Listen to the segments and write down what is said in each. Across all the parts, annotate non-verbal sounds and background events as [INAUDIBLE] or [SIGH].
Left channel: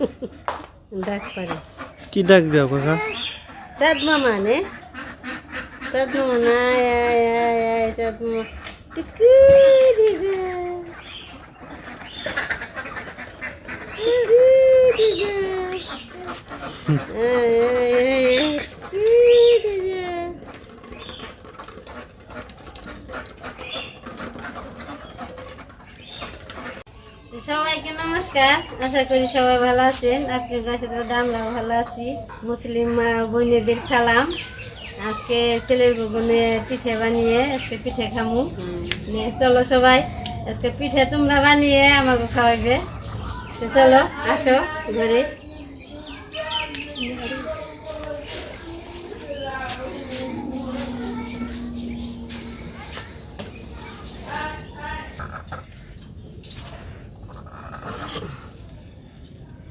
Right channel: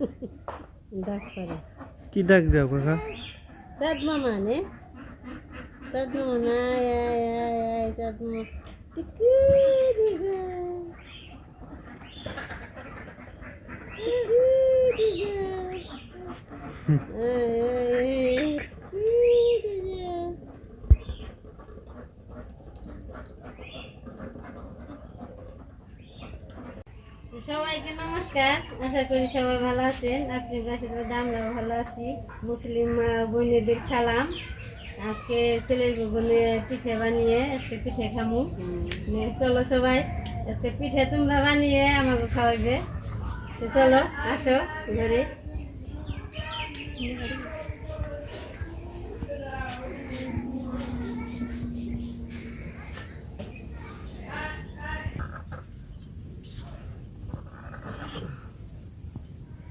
ডাক পারে। কি ডাক দাও কাকা? চাঁদ মামা নে। চাঁদ মামা না আয় আয় আয় আয় চাঁদ মামা। টিকি দিগা টিকি দিগা আয় আয় আয় টিকি দিগা সবাইকে নমস্কার। আশা করি সবাই ভালো আছেন। আপনার কাছে তো আমরাও ভালো আছি। মুসলিম বোনেদের সালাম। আজকে ছেলের বোনে পিঠে বানিয়ে আজকে পিঠে খামু। চলো সবাই। আজকে পিঠে তোমরা বানিয়ে আমাকে খাওয়াবে চলো, আসো ঘরে।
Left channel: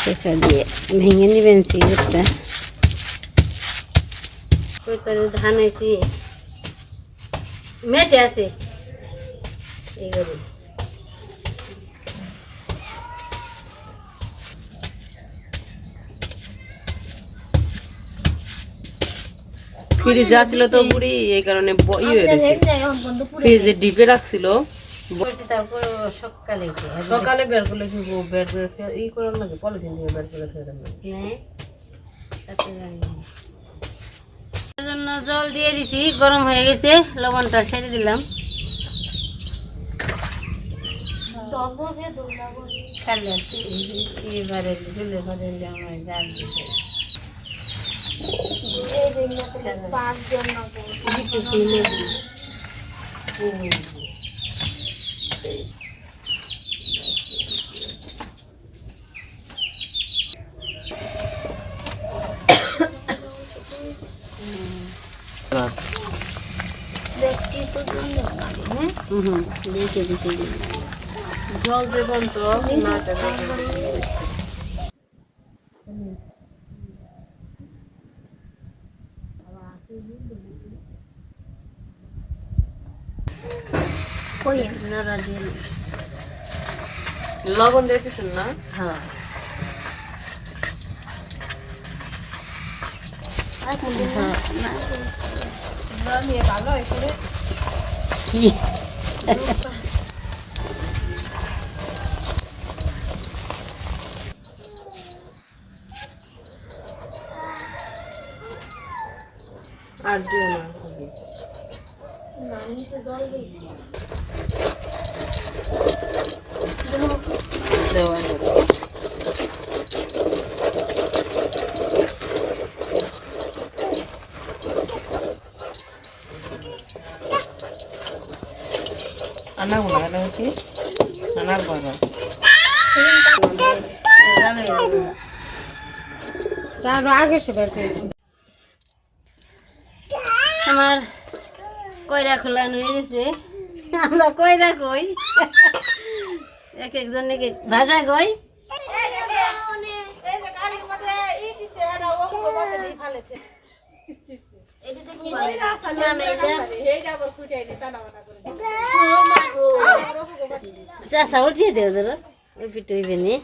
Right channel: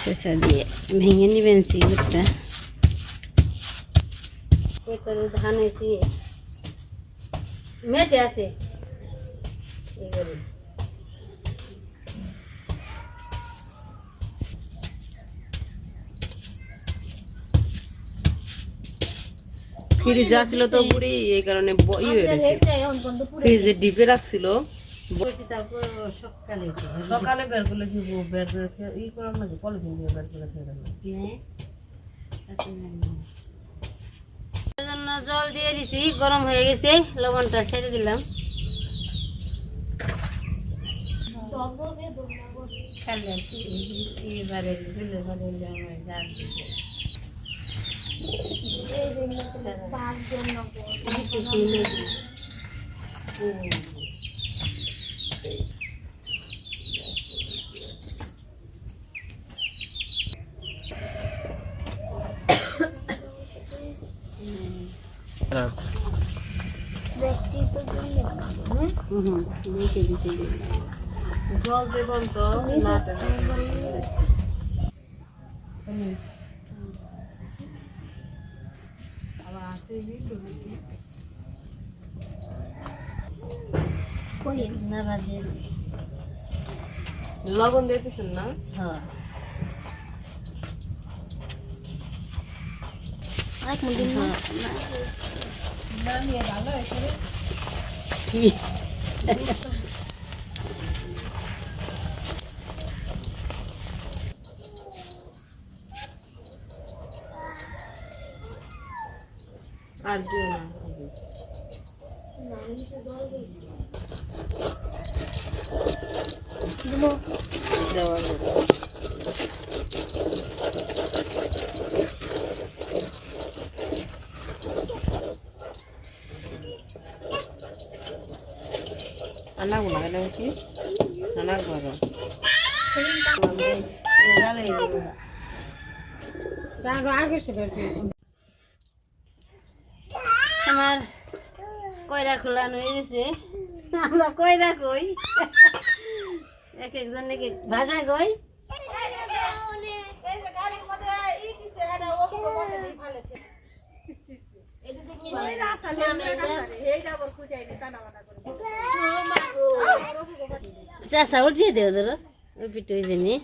পেঁচা দিয়ে ভেঙে নেবেন সিগুরটা কোথাও ধান হয়েছি মেটে আছে এই করে ফ্রিজে আসছিল তো বুড়ি এই কারণে ব- ই হয়ে গেছে। ফ্রিজে ডিপে রাখছিল সকালে সকালে বের করলে কি বের করে ই করার লাগে পলিথিন দিয়ে বের করে খেয়ে জন্য জল দিয়ে দিছি গরম হয়ে গেছে লবণটা ছেড়ে দিলাম। এবারে চুলে করে আমার জাল দিতে জল দেবন তো নয়টা নাড়া দিয়ে। লবণ দিতেছেন না হ্যাঁ হ্যাঁ? আর দিও না আগে। দেওয়া না জানোই না। আমার কয়রা খোলানো হয়ে গেছে। আমরা কয়রা কই? এক একজন এক এক ভাষা কই? চাষা উঠিয়ে দেও ধরো। ওই পিঠে হইবে নি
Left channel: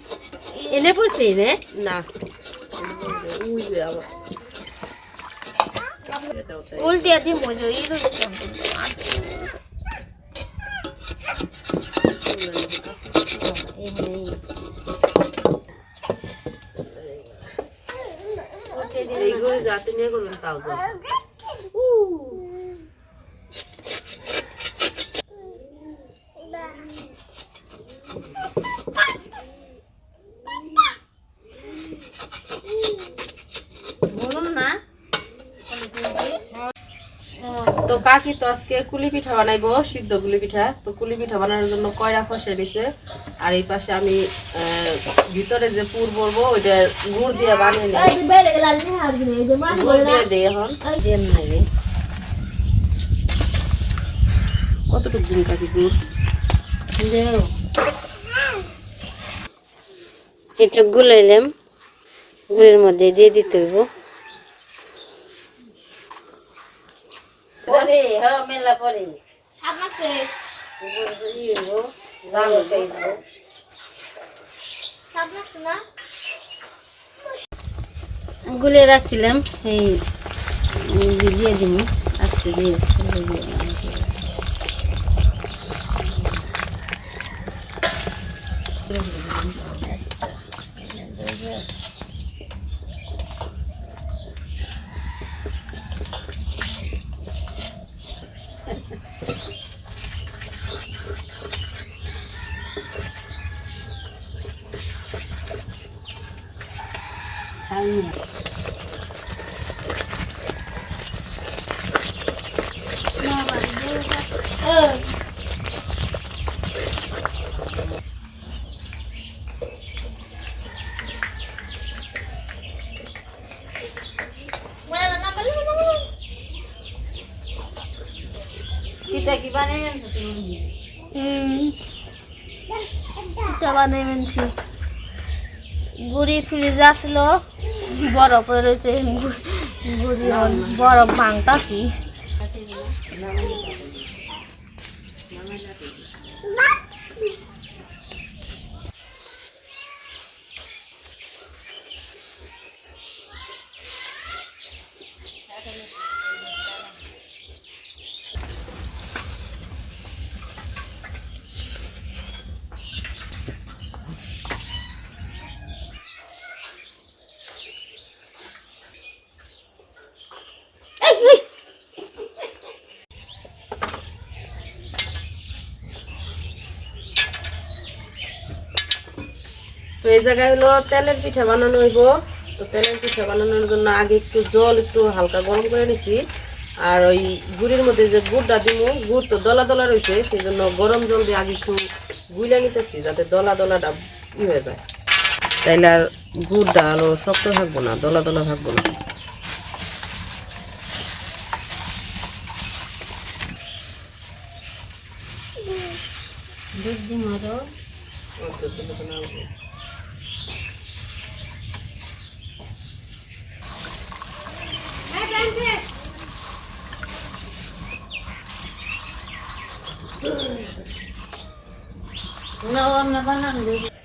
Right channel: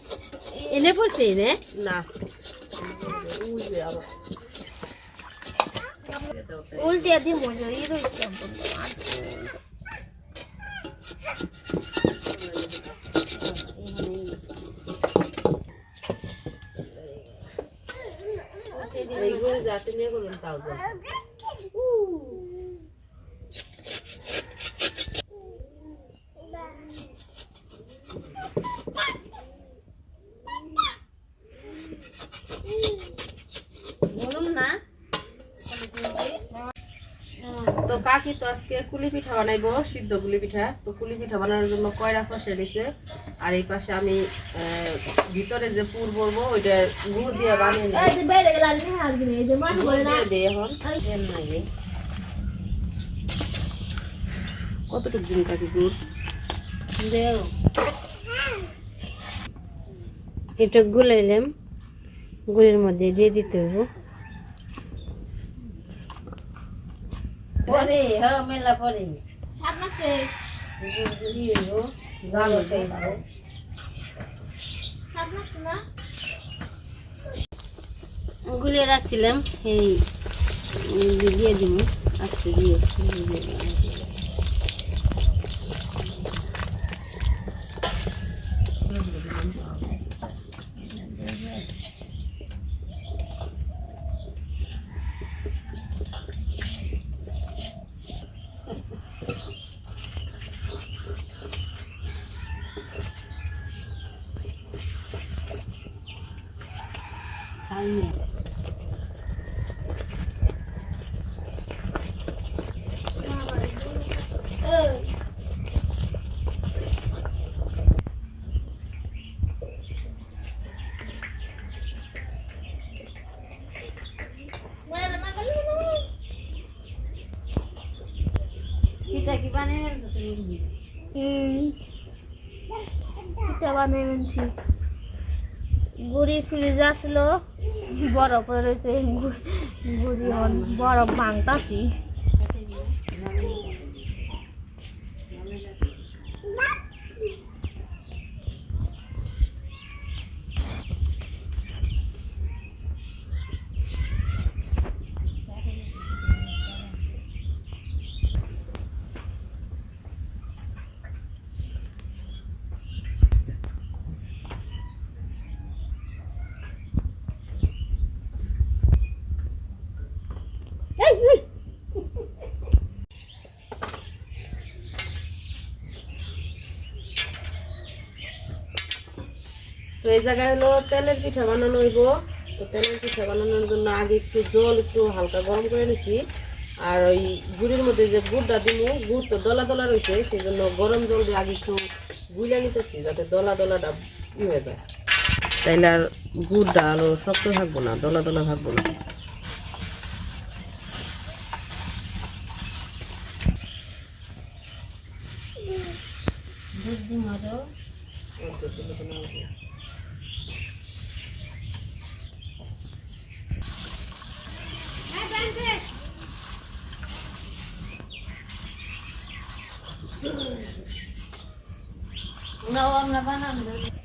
এনে পড়ছে রে না। উল্টে দিয়ে মজা এই রয়েছে এইগুলো যাতে নিয়ে করবেন তাও যাবে তো আজকে কুলি পিঠা বানাইবো সিদ্ধ কুলি পিঠা। তো কুলি পিঠা বানানোর জন্য কয়রা খসে দিছে আর এই পাশে আমি ভিতরে যে পুর বলব ওইটা গুড় দিয়ে বানিয়ে নিই এই বাইরে গেলাম না হাত এই যে মাছ গুড় না। দিয়ে দিই এখন কতটুকু দিন কাকি গুড়? একটু গুলাইলাম গুড়ের মধ্যে দিয়ে দিতে হইব। পরে হ্যাঁ মেলা পরে। সাত লাগছে গুলে রাখছিলাম এই দিয়ে দিব আজকে দিয়ে দিয়ে দিলাম। খাইনি মনে না বলে মেনছি গুড়ি ফ্রিজ আসলো বরফ রয়েছে বরফ ভাঙতা কি বরফ ভাঙতাছি। তো এই জায়গায় হলো তেলের পিঠা বানানো হইব। তো তেলের পিঠা বানানোর জন্য আগে একটু জল একটু হালকা গরম করে নিছি। আর ওই গুড়ির মধ্যে যে গুড়টা দিব গুড় তো দলা দলা রয়েছে সেই জন্য গরম জল দিয়ে আগে একটু গুইলা নিতেছি যাতে দলা দলাটা ই হয়ে যায়। তাইলে আর গুড়টা আলো শক্ত থাকব না, দলা দলা থাকব না। バナナです。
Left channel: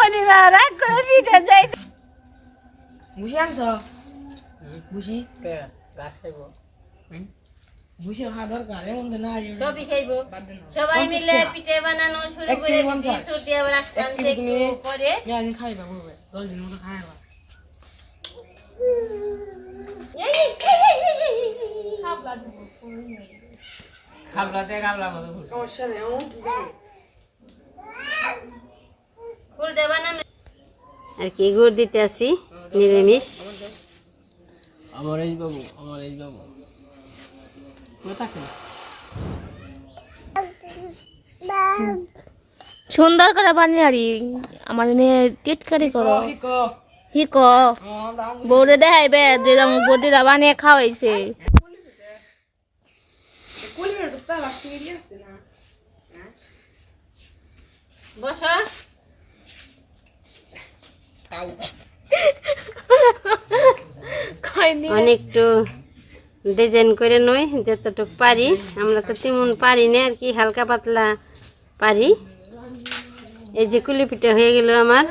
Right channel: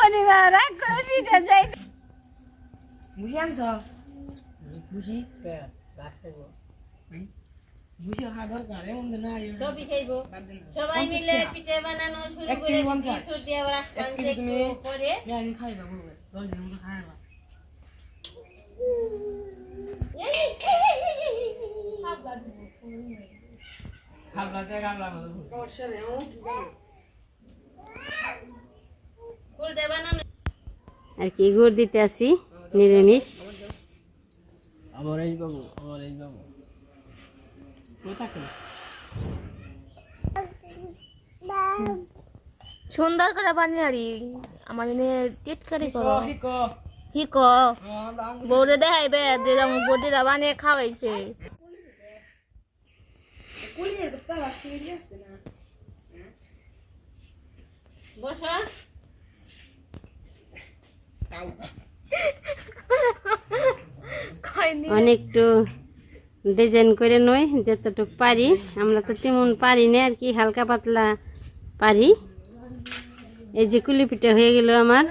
অনিমা রাগ করে পিঠে যাই বুঝি আনছ? বুঝি গাছ খাইব। বুঝি হা দরকার এমন না সবই খাইবো। সবাই মিলে পিঠে বানানো শুরু করে দিচ্ছি ছুটি আবার আসতে আনতে একটু পরে আমি খাইবা বলবে দশ দিন মতো খাইবা খাবলাতে খাবলা মতো সমস্যা নেই ও কি জানো? আর কি গুড় দিতে আসি? নিরামিষ? আমার এই বাবু আমার এই বাবু। সুন্দর করে বানিয়ে হারি আমার নিয়ে টিটকারি করো। হি ক বউরে দেখাইবে যে বৌদিরা বানিয়ে খাওয়াইছে। বসা। খাইনি অনেকটু ডিজাইন করে নই যতটুকু পারি। আমরা তো তেমন পারি না আর কি হালকা পাতলা পারি। এই যে কুলিপিঠা হয়ে গেল আমার।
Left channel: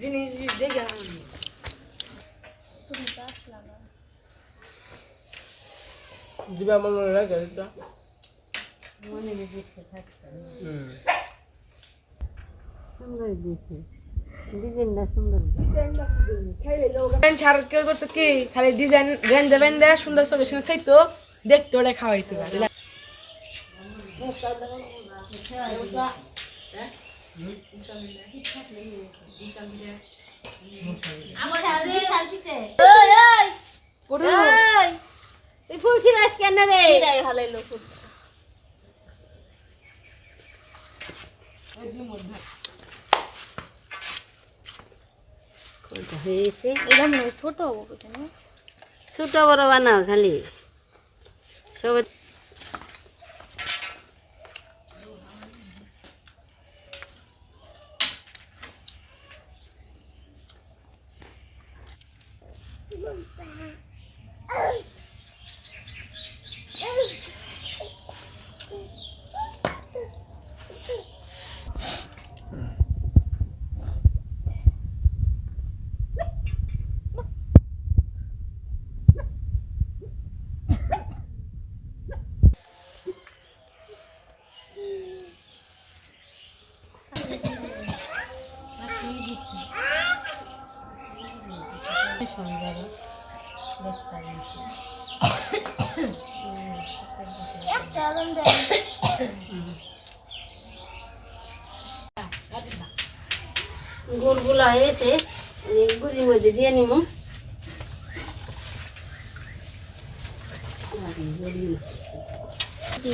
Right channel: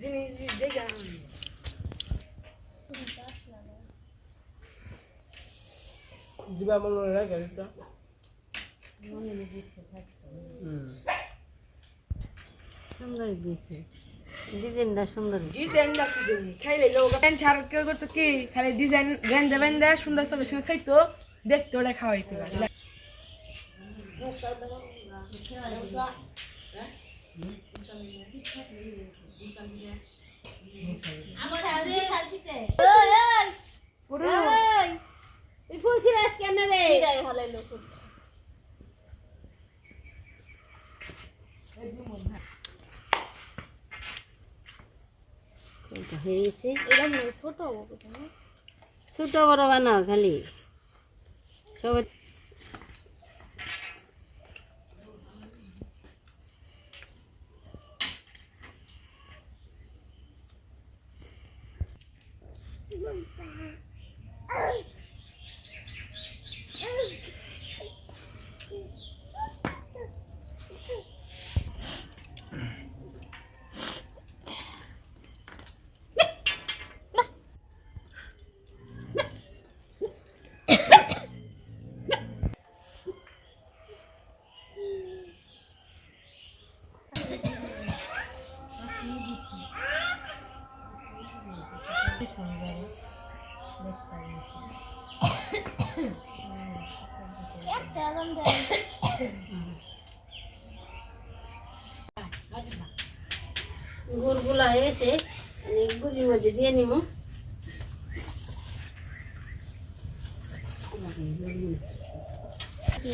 জিনিস দেখে আমি তুমি তো আসলাম না। দিবা মনে মনে দিচ্ছে থাকতো সুন্দর দিয়েছে ডিজাইনটা সুন্দর ডিজাইন দেবি খাইলে ডিজাইন ছাড় কেউ করতো কি? খালি ডিজাইন গেন দেবেন দেয় সুন্দর সবের সঙ্গে থাকতো দেখতে ওটা খাওয়াইতে তুই ফুল ছিলাস কেন রে? হয়েছে? এরকম ছোট ছোট বড় বানাও খালি। সবাই একটা আদম দেয় গোলগুলো হয়েছে এই গুড়ির মধ্যে দিয়ে নিব যদি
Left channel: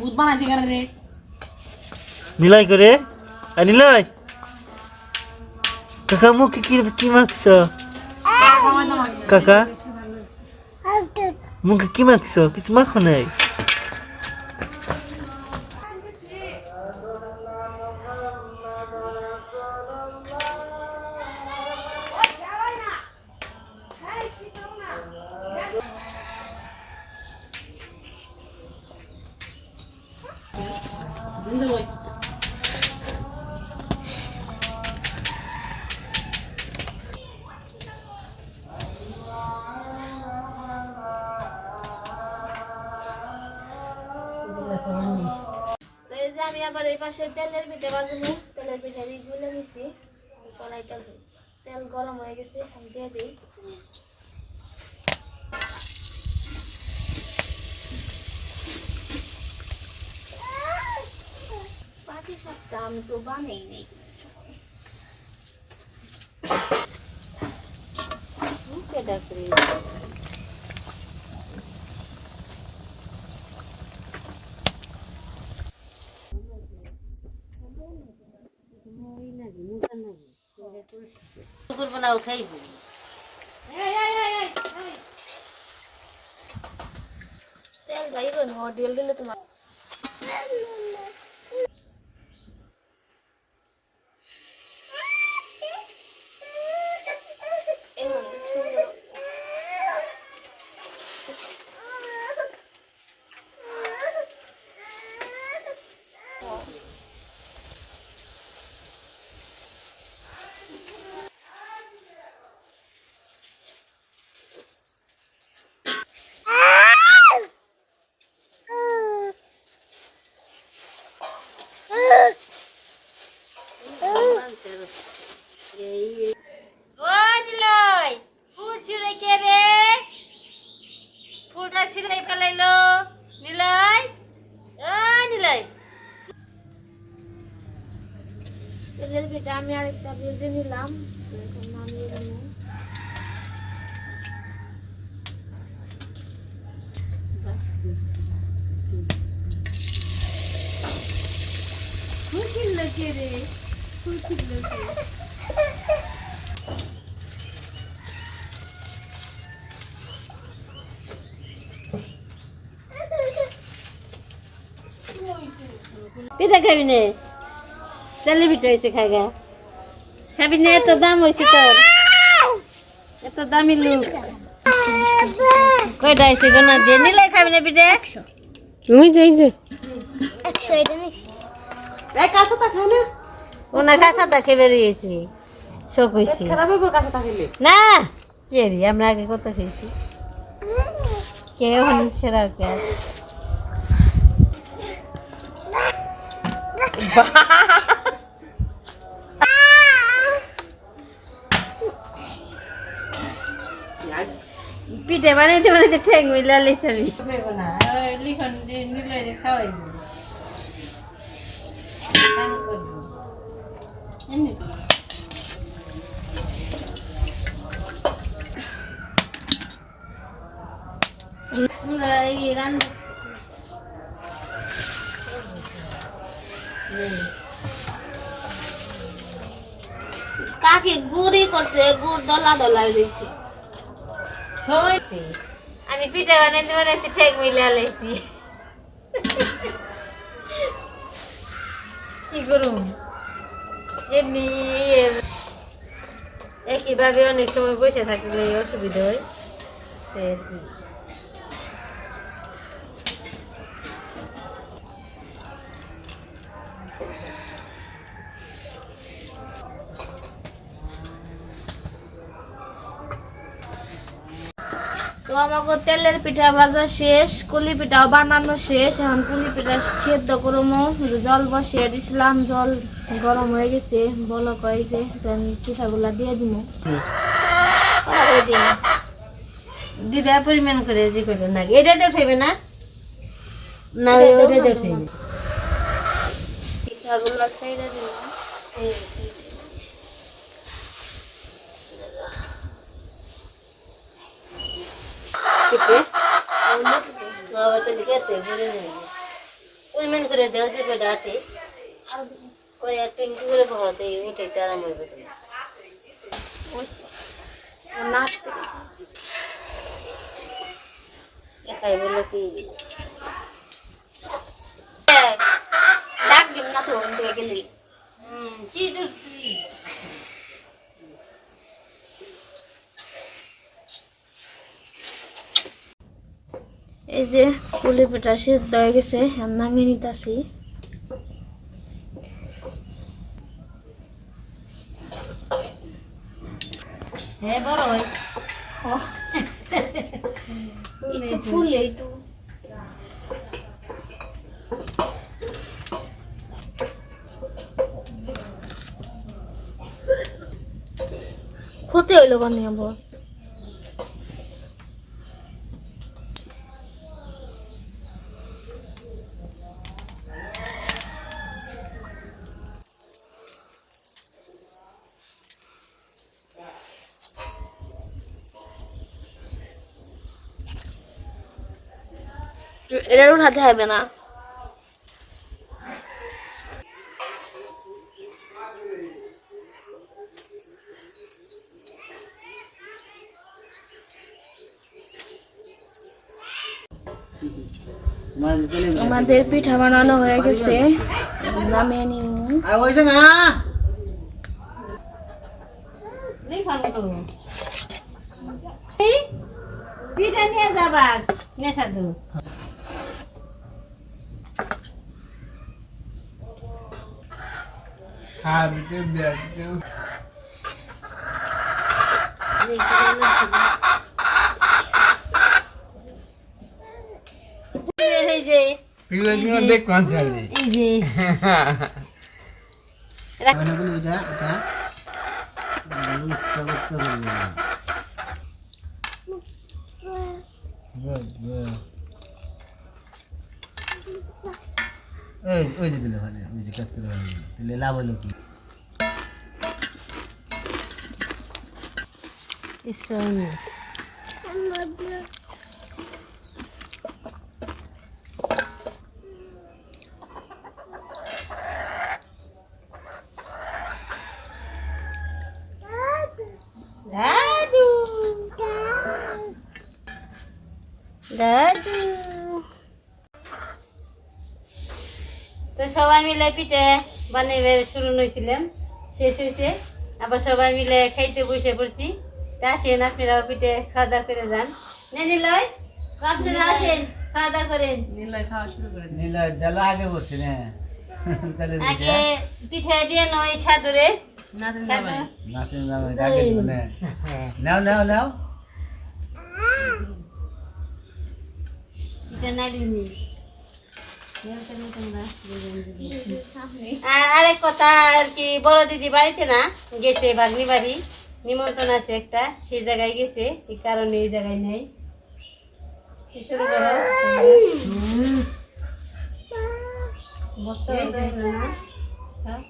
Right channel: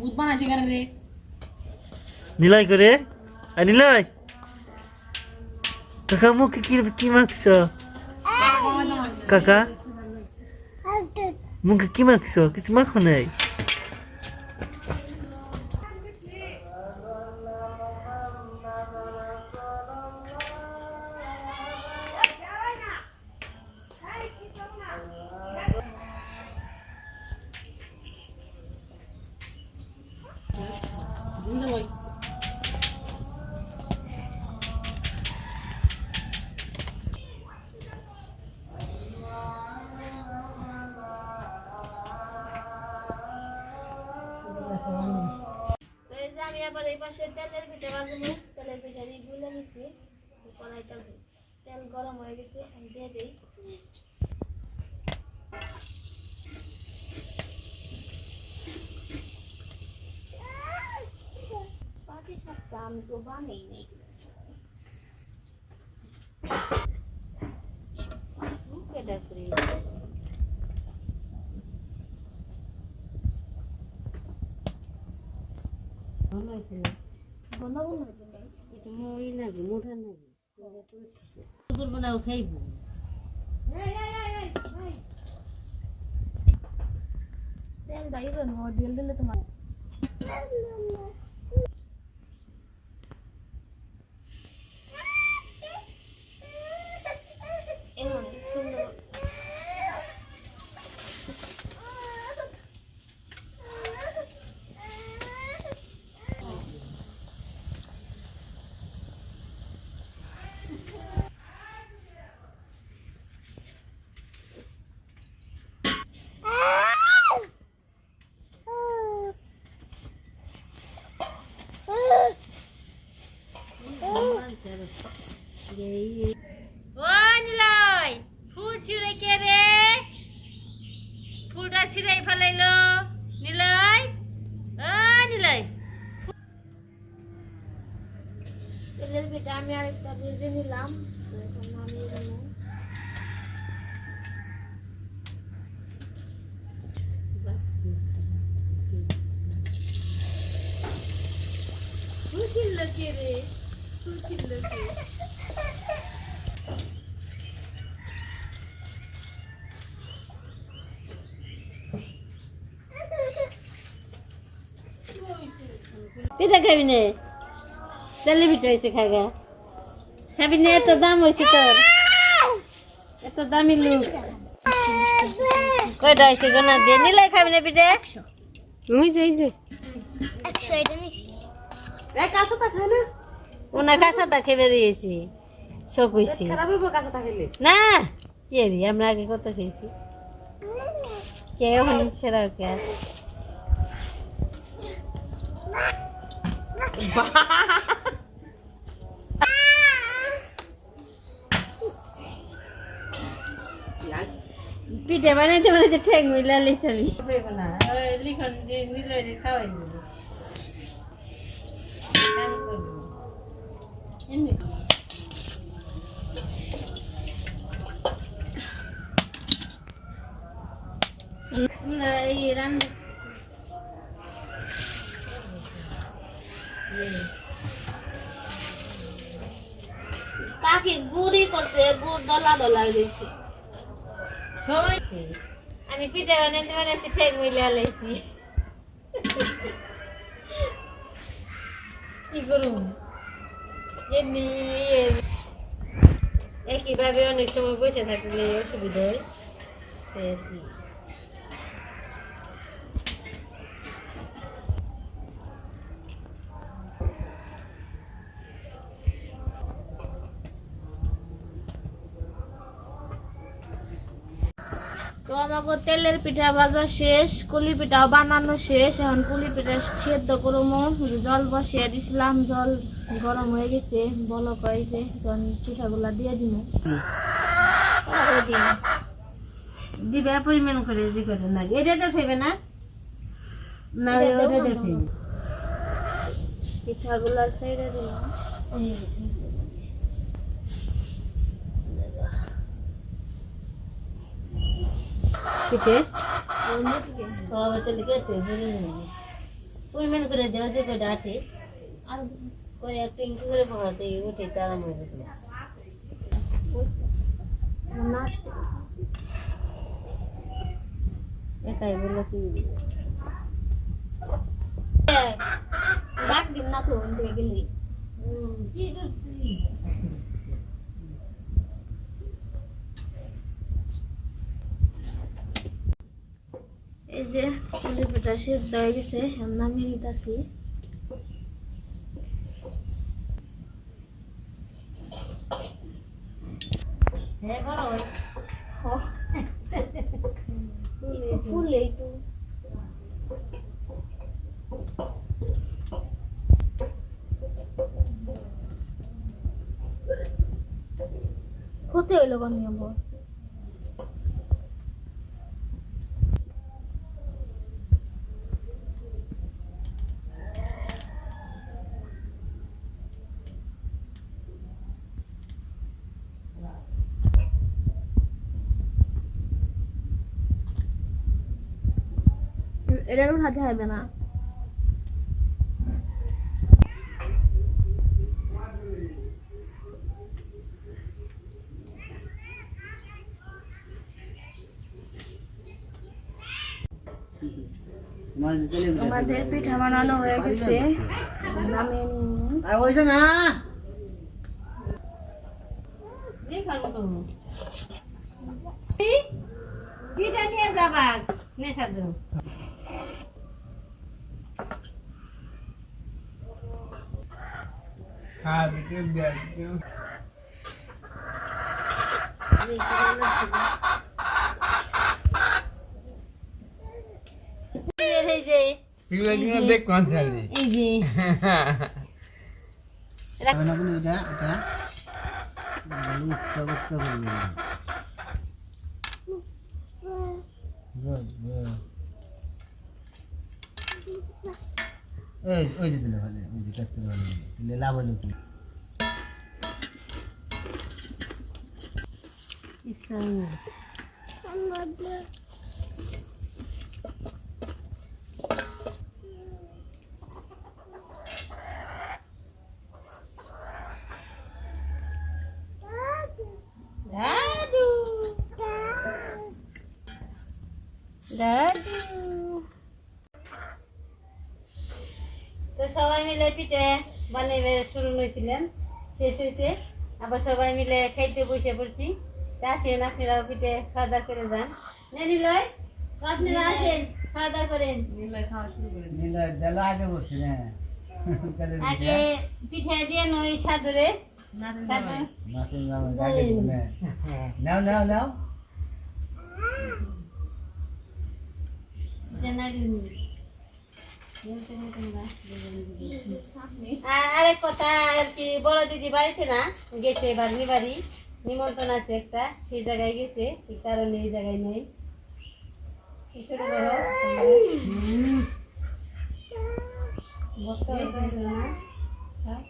ভূত বানাইছে কেন রে নিলয় করে আর নিলয় কাকা মুখে কি কি মাখছ কাকা মুখে কি মাখছ কিছু মাখো নাই আমি আবার এই পাশে তেলের পিঠে বাজাবো। তেলের পিঠে গুলে নিছি। কড়াইটা তেল গরম হয়ে গেছে, আমি দিয়ে দিই। আমি তো বানাই নেই মুখে ডাকরে বানাবো না তো। এটা মই নাকি মোটা নাকি দুপুরবেলাও খাইব তেলটা ই করে ডিল দিলে তোমার এমন সুন্দর ও নিলয় ফুল ছিঁড়ে কে রে ফুলটা ছিঁড়ে ফেলাইলো নিলয় ও নিলয় তেলের পিঠে আমি আরেকটা ভেজে নিলাম তো এখন নামিয়ে নিলাম পিঠা খাবি নে? তেলে পিঠা হয়েছে খাগা খাবি না এত দাম হয়েছে তোর। এত দামি লোক। কয়টা হয়েছে গোনা দিয়ে নিলে খাবি না পিঠে? একশো। ওই যে ওই যে। একশো এটা নিস এই কাঁচাটা খায় না। ওনা কাঁচাটা খেয়ে বেরিয়েছি। শোক হয়েছে খারাপ হইব কাঁচাটা খেলে? না কে রে? আমরা আগে কত খেয়েছি? কে এখন সেরা কে? পিঠে বানাইতে বানাইতে ঠেক মিলা লিখাবি লিখন যে নিলে খাওয়াই এমনি রান্না কাকি গুড়ি করছে, গুড় দলা দলা সময় আমি পিঠা বানাইতে বানাইতে ঠেক মিলে আলাইছি। কি করুম? এমনি একইভাবে অনেক সময় বসে থাকলে অসুবিধা হয়। আমাকে তেলের পিঠা ভাজা শেষ কুলি পিঠাও বানানো শেষ। এখন কুলি পিঠা সেদ্ধ করব জল বসিয়ে দিছিলাম জল গরম হয়ে গেছে। বলক হয়েছে তখন পিঠাগুলা দিয়ে দিব দিবে পরিমাণ করে যে করে না এটাতে উঠাইবে না? না ওটাতে উঠাইবে পিঠাগুলো সাইডে দিলাম। পিঠে আবার তাহলে খেতে ভরে নেবে পরিমাণ করে দেও যে কয়টা আটে আর করে আর ট্যাঙ্কি করে বহাতে উঠাইতে আরাম হবে তোমার নাচতে একাই বলল কি ডাক দিব না তো থেকে গেলি কি করছি এই যে কুলি পিঠা সেদ্ধ হয়ে গেছে নামিয়ে নিতেছি। হ্যাঁ বড় [LAUGHS] একটু ফুলে একটু ক্ষতি হইল বানি আবার এটা উঠাতে হবে না আমাদের পিঠা বানানো হয়ে গেছে পিঠা নিয়ে যাবা নেশা তো এই যে দেখ কোন চালি এই, ওই যে দিলে ভালো ওই যে কাজ করে ভালো লাভ হলো কি? ইচ্ছা হয় না। দাদু দাদু তো সবাই মিলে পিঠে বানিয়ে শুরু হয়েছিলাম শেষ হয়েছে আবার সবাই মিলে খাইতে বসে পড়ছি। তা আসেন আপনারাও পিঠে খাওয়া দাওয়া করে যান। নেনি লয় আপনারা আসেন খাওয়া দাওয়া করেন। নিলয় খাওয়া শুরু করে দিছে। নীলা ডালা আগে বসছে না। আগে পিঠে দিয়ে নয় সাদরে। নাতিন জামাই। নাচেন জামাই আগে দিব না। নাও নাও নাও। পিঠে নাড়িনি আর আরেক কথা আর কি বড় দিদি বাড়িতে না গেছে ভাগ্নি বাড়ি নিমন্ত্রণ আছে একটা সেই জায়গায় গেছে এই কারণে এই জায়গায় নেই। শুরু করো? হ্যাঁ?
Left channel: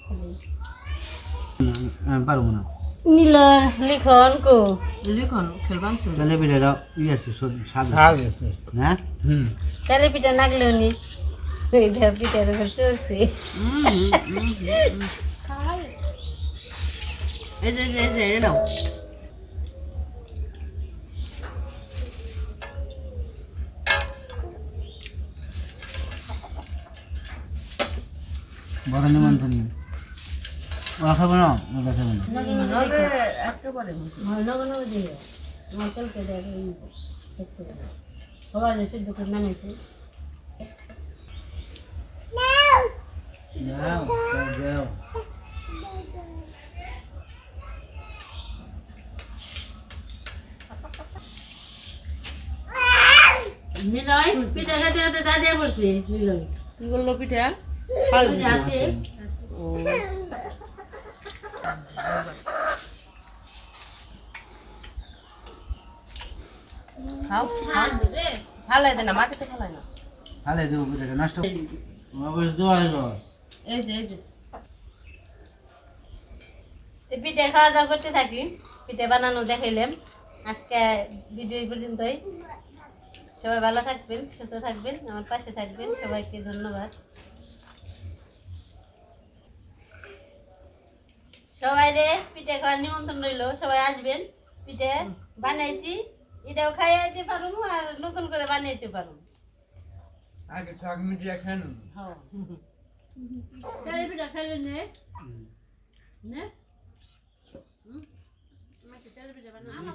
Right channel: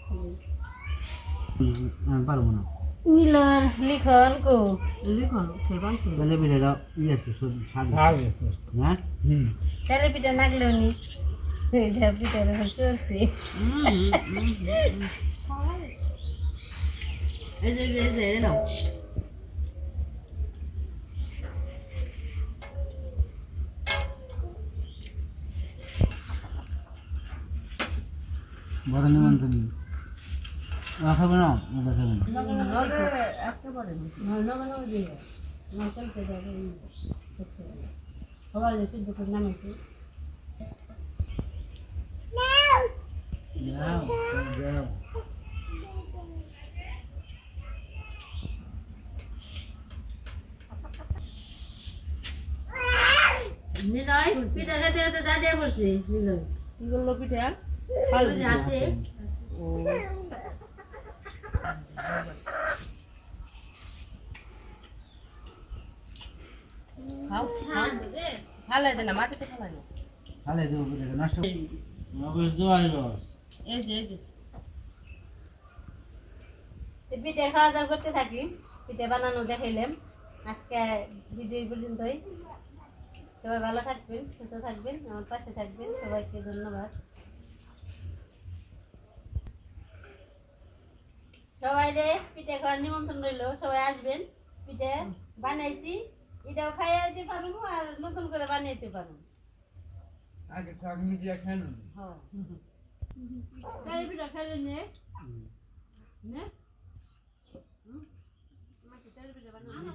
আমি পারব না। নীল লিখন কো? আছে সাদা হ্যাঁ? হুম। তাহলে পিঠা নাগলেও নিস এই যে এই যে এই নাও বড় নিমন্ত্রণ ওরা খাবে না? ওরা খাবে না। একেবারে দিয়ে যাবে সবার যে সিদ্ধ করে নামেছে যাও যাও। নিলয় পিঠা খেতে খেতে দাঁড়িয়ে পড়ছে নিলয় কি করল পিঠা? ওই যে হাতে। খাও খাও। ফালাই দে না মাটিতে ফালাই না। তাহলে দেবো বিড়াটা নষ্ট অবশ্য দেওয়া হলো এই যে এই যে। পিঠে খাওয়া দাওয়া করতে থাকি। পিঠে বানানো দেখাইলাম। আজকে ভিডিও এই পর্যন্তই। সবাই ভালো থাকবেন সুস্থ থাকবেন আমার পাশে থাকবেন সবাইকে ধন্যবাদ। সবাই রে পিঠে খাওয়ার নিমন্ত্রণ রইল সবাই আসবেন পিঠে বানাইছি এটাও খাইয়ে দিতে পারব আর নতুন করে বানাইতে পারব আগে শাক মিটিয়ে খান তাহলে পিঠা খাইলে নে? নে? আমাকে তেল পিঠা বানানো